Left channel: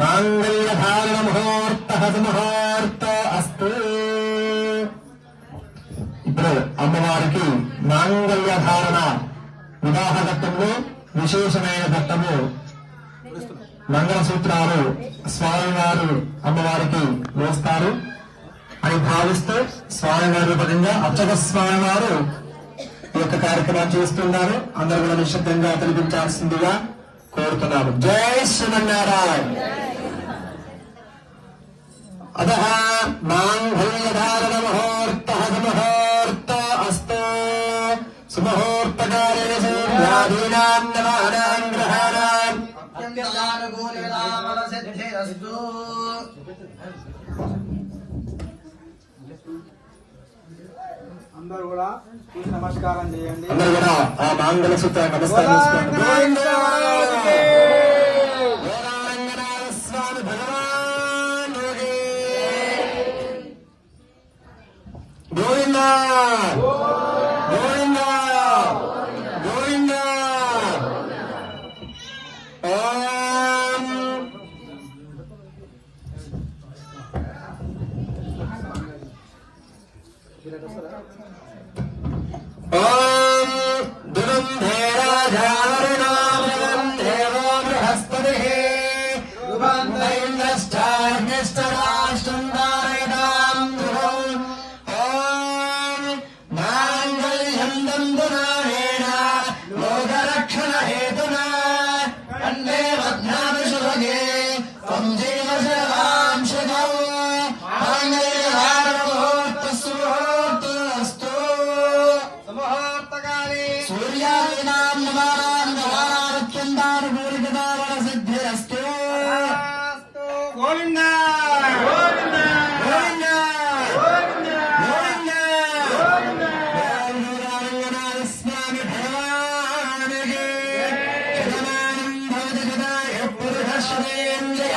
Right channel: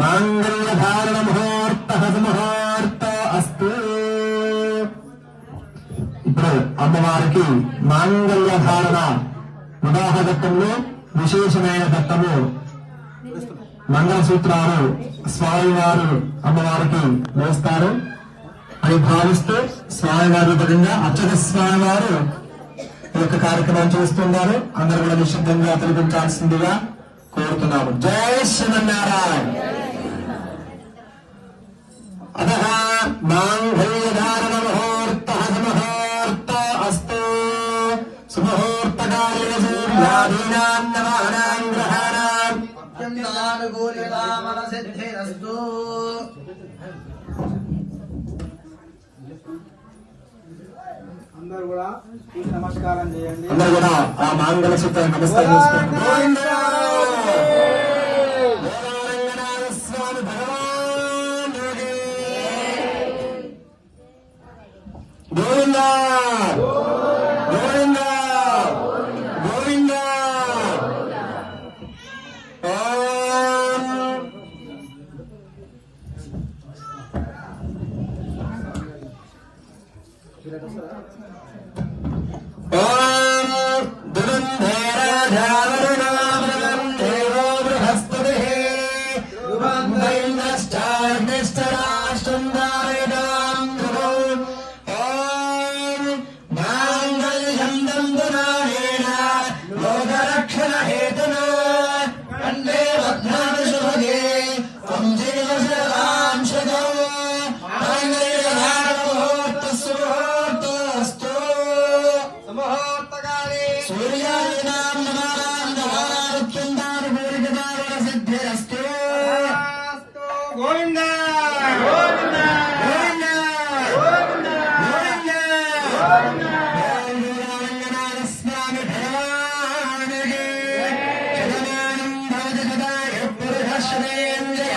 మాంగళ్యధారణ ముహూర్త అస్తు. ఇప్పుడు అమ్మవారికి మాంగళ్యధారణ వివాహ ఘట్టంలో విశేషమైన ఘట్టము మంగళసూత్రాలు స్వామివారు అమ్మవారికి వేస్తారు అని భావిస్తూ స్వామివారి పరంగా అర్చక స్వామివారు ఈ యొక్క కార్యక్రమం చేస్తున్నారు. అందరూ కూడా నిశ్శబ్దంగా తినిపించాల్సిందిగా కోరుతున్నారు. జై శ్రీమన్నారాయణ. అత మాంగళ్యధారణ ముహూర్త అస్తు. సుముహూర్తకాలేన సూర్యాదీనాం నవానాం గ్రహాణాం సిద్ధిరస్తు. అందరూ కూడా నమస్కారం చేయండి. అందరూ కూడా ఆ మాంగళ సూత్ర నమస్కారం స్వామి భగవాన్ గోవిందా గోవిందా గోవిందా. లోకరక్షణ హేతునా కండే వజ్ఞానశుభగే సంజీవశరాంశజో ముహూర్తస్తు. సూర్యాదీనాం నవానాం సిద్ధిరస్తు. గోవింద గోవింద గోవింద గోవింద గోవింద. స్వామి భగవానికి శతమానం భవతి సదా యః పురుష శ్రేంద్రియ